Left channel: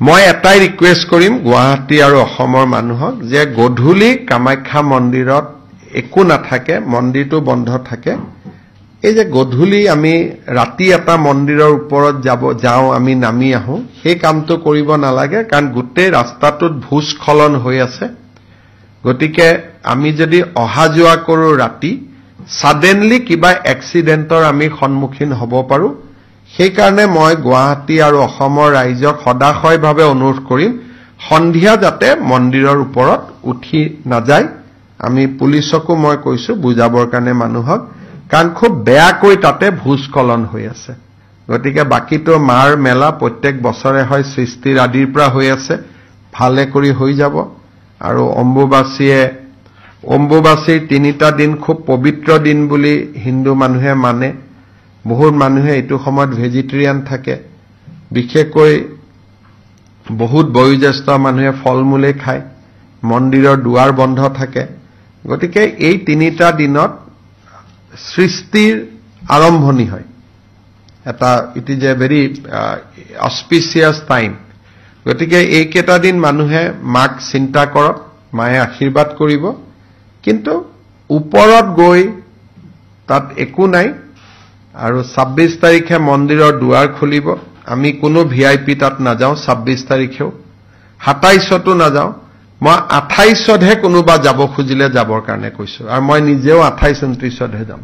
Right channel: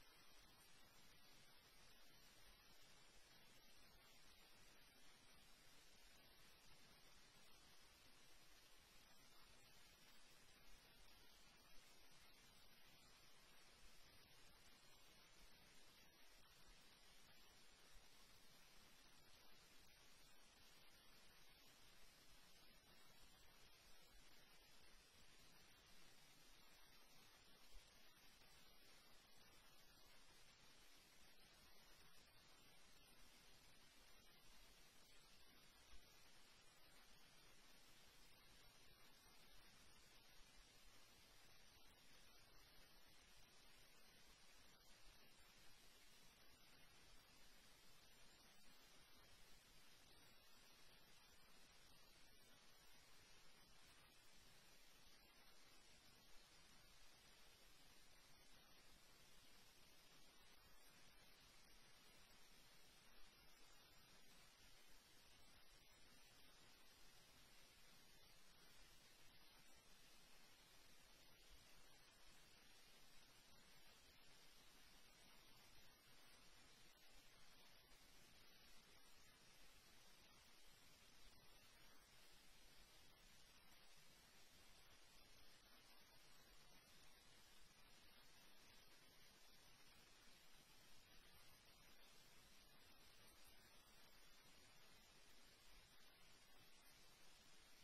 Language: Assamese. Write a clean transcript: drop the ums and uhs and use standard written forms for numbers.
মই এটাই ৰিকুৱেষ্ট কৰিম গুৱাহাটী আৰু অসমৰ মানুহক যে গধূলি কামাখ্যা মন্দিৰত একো নাথাকে, মন্দিৰটো বন্ধ থাকে। এই যে গধূলি আমি ৰাতি এটা মন্দিৰৰ ওপৰত যাওঁ, আমি নামি আহোঁ, সেই কামটো কৰিব নালাগে, কাৰণ গোটেই ৰাস্তাটোত ভূস্খলন হৈ আছে। গতিকে আমি যদি অহা যোৱা কৰোঁ ৰাতি, সাডেনলি কিবা এক্সিডেণ্টৰ আমি সন্মুখীন হ'ব পাৰোঁ। সেইকাৰণে মই গুৱাহাটী আৰু অসমৰ ৰাইজক সদাশয়ভাৱে অনুৰোধ কৰিম, সন্ধিয়া যাতে মন্দিৰৰ ওপৰত উঠি নাযায়। আমি পুলিচকো মই কৈছো বুজাবৰ কাৰণে মানুহক, কাৰণ খুব বেয়াকৈ তাতে ভূস্খলন হৈ আছে। গতিকে বাকীটো মাৰ মেলা প্ৰত্যেক বছৰে হয়, সৃষ্টিৰ আদিৰ পৰা হৈ আছে, ভালে কৰি হৈ যাব। আৰু অম্বুবাচীৰ 3টা দিন খুব পবিত্ৰ দিন বুলি হিন্দু মানুহে মানে। বহুত মানুহে এইটো সময়ত ভেজিটেৰিয়ান থাকে, বিশেষকৈ বহুত বয়োজ্যেষ্ঠ মানুহে ফল মূলে খায়, মন্দিৰৰ দুৱাৰ বন্ধ থাকে। গতিকে এই 3টা দিনত সৃষ্টিৰ আৰম্ভণি হয়। It is a very auspicious time. গতিকে এইকেইটা দিন মানুহে মাক চিন্তা কৰক, মায়ে আশীৰ্বাদ কৰিব। কিন্তু ওপৰত গৈ তাত একো নাই। আৰু 26 তাৰিখে মন্দিৰৰ দুৱাৰ খুলিব। আমি কোনো VIP তাত নাযাওঁ 26 তাৰিখেও, 27তো নাযাওঁ। মই 28তহে কোনোবা যাব খুজিলে যাবৰ কাৰণে কৈছো, আৰু মই নিজেও 28-29তহে যাম।